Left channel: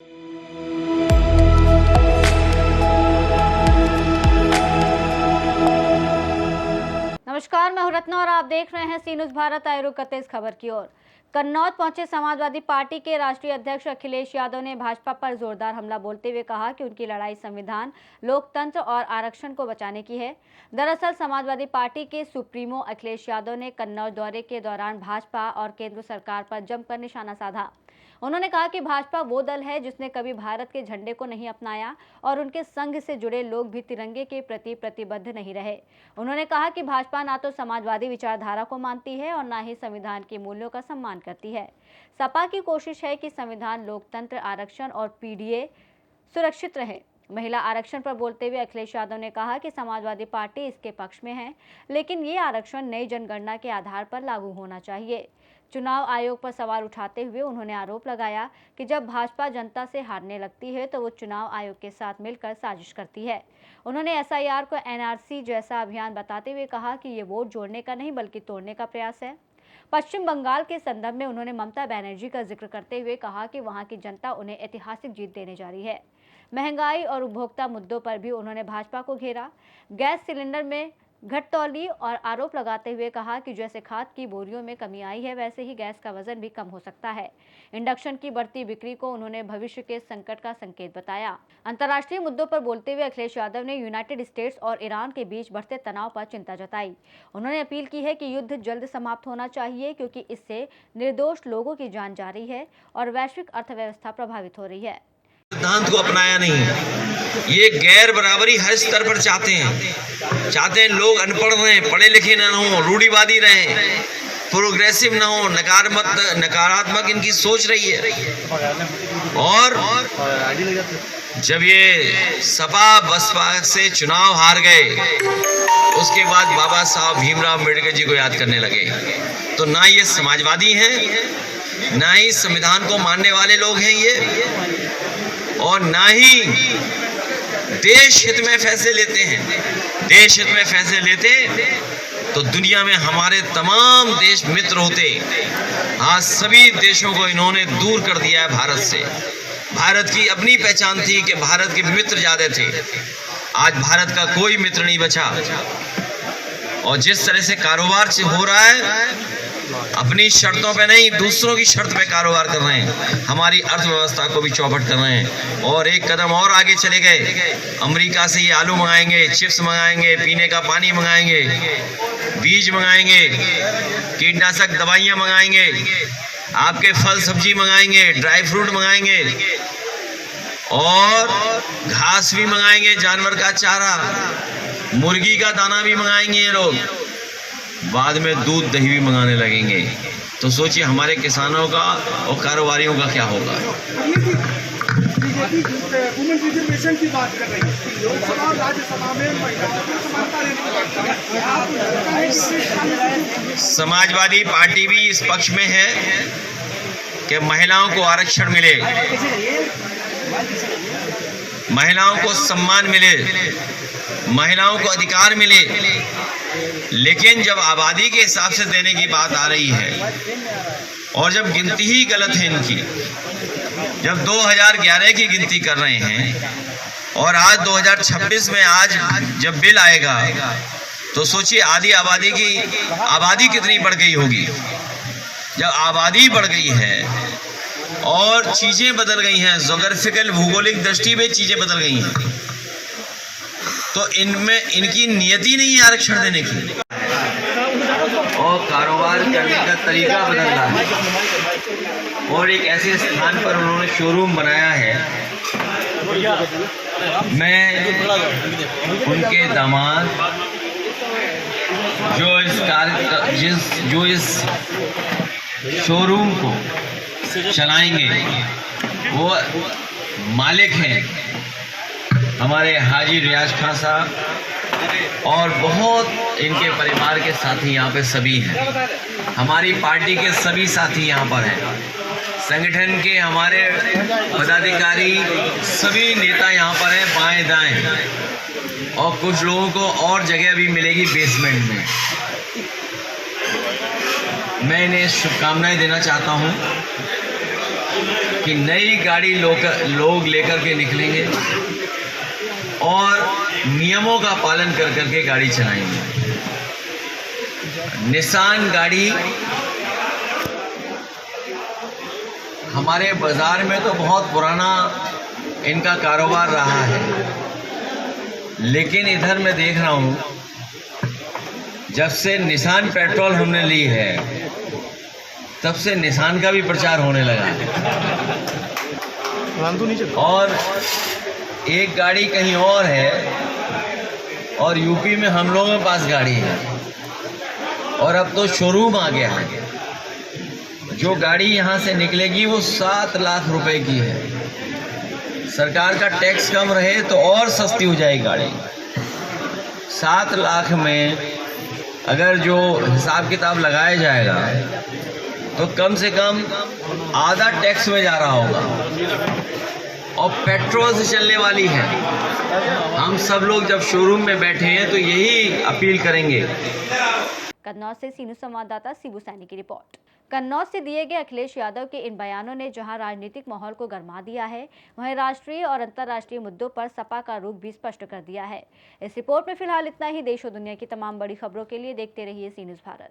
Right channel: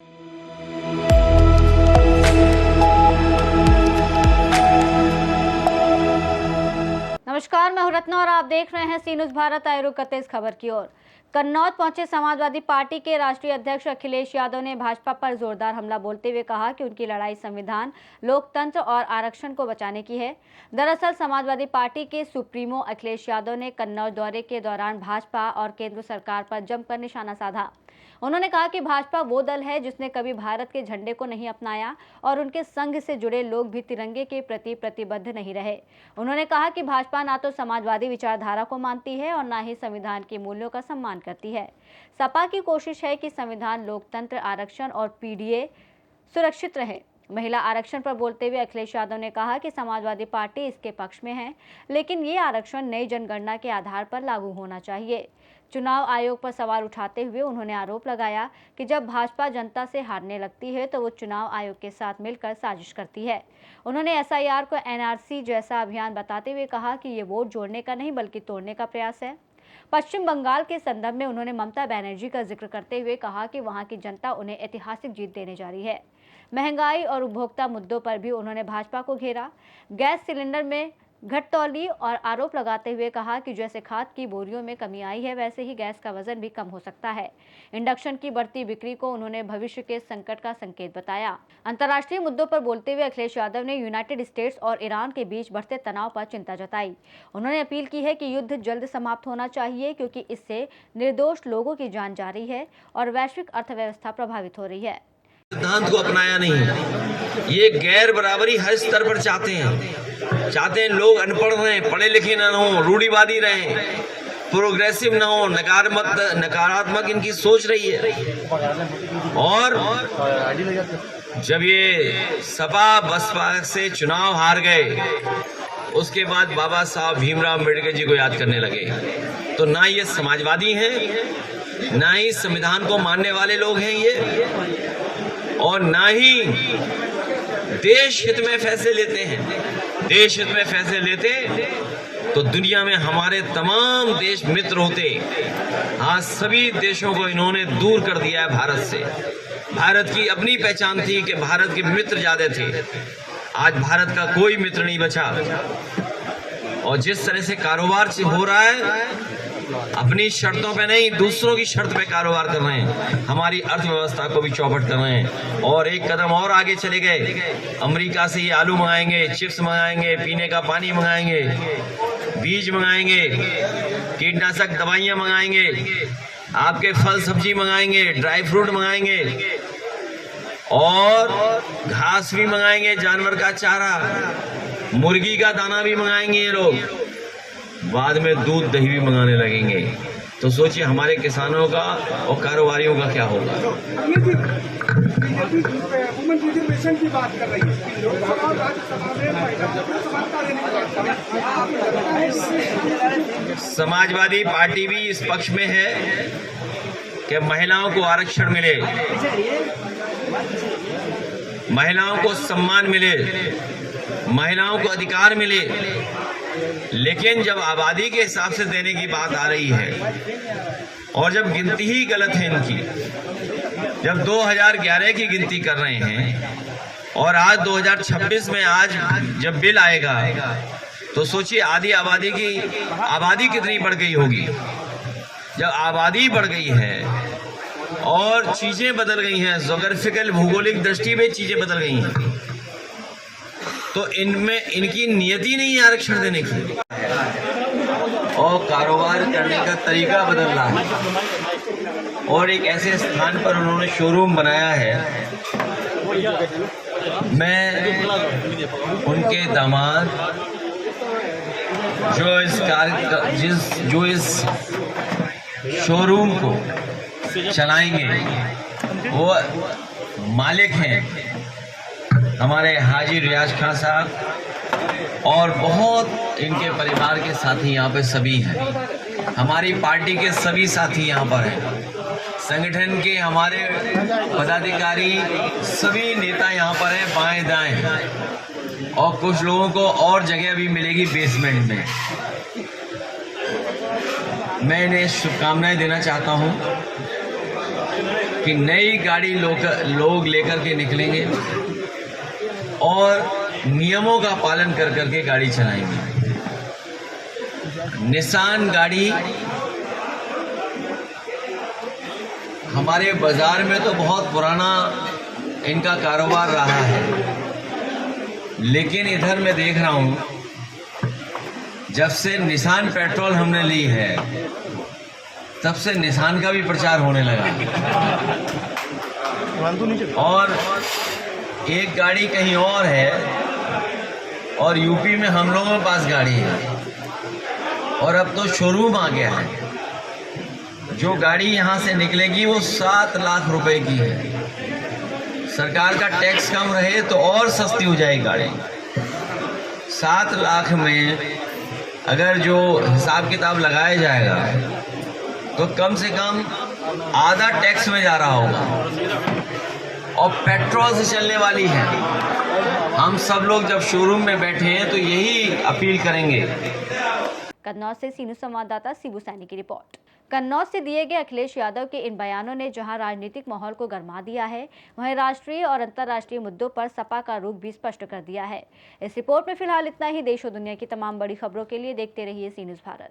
नमस्कार, मैं हूं रत्ना और आप देख रहे हैं सी न्यूज़ भारत। आए रुक करते इस खबर की ओर। कन्नौज पहुंचे समाजवादी पार्टी के राष्ट्रीय अध्यक्ष अखिलेश यादव ने भाजपा पर जोरदार हमला बोलते हुए कहा कि उनकी लड़ाई संविधान, लोकतंत्र और आरक्षण को बचाने की है। दरअसल समाजवादी पार्टी के सुप्रीमो अखिलेश यादव ने कन्नौज दौरे के दौरान भाजपा और केंद्र सरकार पर जमकर निशाना साधा। उन्होंने कहा कि भाजपा वो दल है जिसने कभी भारत के झंडे को नहीं अपनाया और उनके संघ से जुड़े लोग भी तिरंगे के प्रति प्रतिबद्ध नहीं रहे। उन्होंने कहा कि भाजपा ना तो समाजवादी विचारधारा को मानती है और ना ही संविधान के मूल्यों का सम्मान करती है। सपा की कोशिश है कि संविधान, लोकतंत्र, आरक्षण और पीडीए सुरक्षित रहे। महिला आरक्षण पर बोलते हुए अखिलेश यादव ने कहा कि समाजवादी पार्टी इसके पक्ष में है, लेकिन ये आरक्षण नई जनगणना के आधार पर लागू होना चाहिए। चुनाव आयोग पर सवाल उठाते हुए उन्होंने आरोप लगाया कि जब भाजपा जनता से हारने लगती है तो वो चुनाव आयोग के साथ मिलकर साजिश करती है। उन्होंने एसआईआर को एनआरसी जैसा अभियान बताते हुए कहा कि ये वोट जोड़ने का नहीं बल्कि तोड़ने का प्रयास है। पश्चिम बंगाल के संदर्भ में उन्होंने ममता बनर्जी का जिक्र करते हुए कहा कि वहां की जनता उन्हें ऐतिहासिक जीत देने जा रही है। महंगाई और उपभोक्ता मुद्दों पर भी उन्होंने भाजपा को घेरा। गैस सिलेंडर में घटतौली और आरोप लगाते हुए कहा कि जैसे खाद की बोरियों में कमी आई है, वैसे ही गैस का वजन भी कम हो सकता है। इंडक्शन की बढ़ती बिक्री को उन्होंने भविष्य के संकट का संकेत बताया। अंतर्राष्ट्रीय मुद्दों पर बोलते हुए अखिलेश यादव ने यूनाइटेड स्टेट्स और ईरान के बीच बढ़ते तनाव पर चिंता जताई। उन्होंने अपील की है कि युद्ध जल्द समाप्त होना चाहिए, क्योंकि इससे निर्दोष लोगों की जान जा रही है और वैश्विक अर्थव्यवस्था प्रभावित हो रही है। सिद्धांत को अपनाया नहीं। ये गैर बराबरी हर स्तर पर चाहते हैं लोग अनपढ़ रहें, पढ़े लिखे न हो, रूढ़िवादी रहें, प्रोग्रेसिव न हो, नकारात्मक इनकी सोच रही है। और जब ये सपा बसपा से चुनाव हार गए, उसके बाद बाबा साहब भीमराव अम्बेडकर जी को याद करने लगे। तो ना ये समाजवादी हैं, ना ही संविधान को मानने वाले लोग हैं ये, और ना ही देश हित में फैसले लेते हैं। देश हित में फैसले लेते तो दुनिया में हमारे तमाम देश मित्र होते। आज सभी देशों को इन्होंने दूर कर दिया है भारत से। भारत की अपनी पहचान थी कि भारत के मित्र ज्यादा थे, आज भारत का कोई मित्र नहीं बचा। और जिस तरह से कारोबार हो रहा है, अपनी शर्तों पे नहीं, दूसरों की शर्त पे कारोबार कर रहे हैं, हमारी अर्थव्यवस्था को भी चौपट कर रहे हैं। और एक कदम और आगे चले गए, अमेरिका से ये आलू मंगाएंगे, चिप्स मंगाएंगे, पीने का पानी मंगाएंगे, बीज मंगाएंगे, कीटनाशक दवाइयाँ मंगाएंगे, आपके फल सब्जी मंगाएंगे, ड्राई फ्रूट मंगाएंगे और घास भी मंगाएंगे, जानवर का चारा, मुर्गी का दाना भी मंगाएंगे ये लोग। बाद में दूध दही भी मंगाने लगेंगे। तो सोचिए हमारे किसानों का और कारोबारियों का क्या होगा। वुमेन रिजर्वेशन की बात कर रही है, लोकसभा और राज्यसभा में समाजवादी पार्टी भी इस पक्ष में है कि महिलाओं को आरक्षण मिले, महिलाओं को सम्मान मिले, महिलाओं को अधिकार मिले। लेकिन जब आबादी के हिसाब से देने की बात आ रही है और जब गिनती ही गलत है इनकी, जब 2011 की गिनती कर रहे हैं और आज 2026 में आज जब बिल आएगा तो सोचिए आधी आबादी कितनी बढ़ गई होगी। जब आबादी बढ़ गई है और चीजें बदल गई हैं, ज्योग्राफिकल भौगोलिक दृष्टि में चीजें बदल गई हैं, तो इनमें इनकी नियति नहीं है आरक्षण देने की। और कारोबार करने का तरीका बदल रहा है और एक ऐसे स्थान पर उन्होंने शोरूम बनाया है। मैं उनके दामाद जो इस शोरूम को चलाएंगे वो मालिक हैं हमारे हाजी रियाज खान साहब और बहुत इनके परिवार के साथी यहाँ पे सभी हैं। हमारी पार्टी के सभी साथी यहाँ पर हैं, संगठन के हमारे पदाधिकारी सभी नेता यहाँ पर हैं बाएं दाएं, और कुछ लोगों को और जगह भी मिलेगी बेसमेंट में। मैं इन्हें शुभकामनाएं देना चाहता हूँ कि नई गाड़ी लोग लेकर के निकलेंगे और नियमों का पालन कर करके गाड़ी चलाएंगे। निसान गाड़ी हमारे बाजार में तो बहुत पुराना इनका कारोबार रहा है, लेकिन इधर मैं देख रहा हूं जब से निसान पेट्रोल हमने ली है तब से निसान का भी प्रचार होने लगा। और एक गाड़ी कहीं और है और यूपी में हम लोगों के पास गाड़ी है और अब तो शोरूम आ गया है। जो गाड़ी यहाँ से निकलेगी वो 7 लाख रुपए की है। सरकार का टैक्स कम रहे तो और सस्ती हो जाएगी गाड़ी। 7 लाख में अगर जो हिसाब किताब लगाया जाएगा तो कम से कम आधा टैक्स में जा रहा होगा और पेट्रोल से चलने वाली है। हम सब लोग जब शोरूम में बैठे हैं तो यही अपील करेंगे। कन्नौज से सीनू संवाददाता शिबू सैनी की रिपोर्ट। कन्नौज से दिए गए अखिलेश यादव के इन बयानों ने जहां राजनीतिक माहौल को गरमा दिया है, वहीं राष्ट्रीय और अंतर्राष्ट्रीय मुद्दों पर सपा का रुख भी स्पष्ट कर दिया है। इस रिपोर्ट में फिलहाल इतना ही। देश और दुनिया की तमाम बड़ी खबरों के लिए देखते रहिए सी न्यूज़ भारत।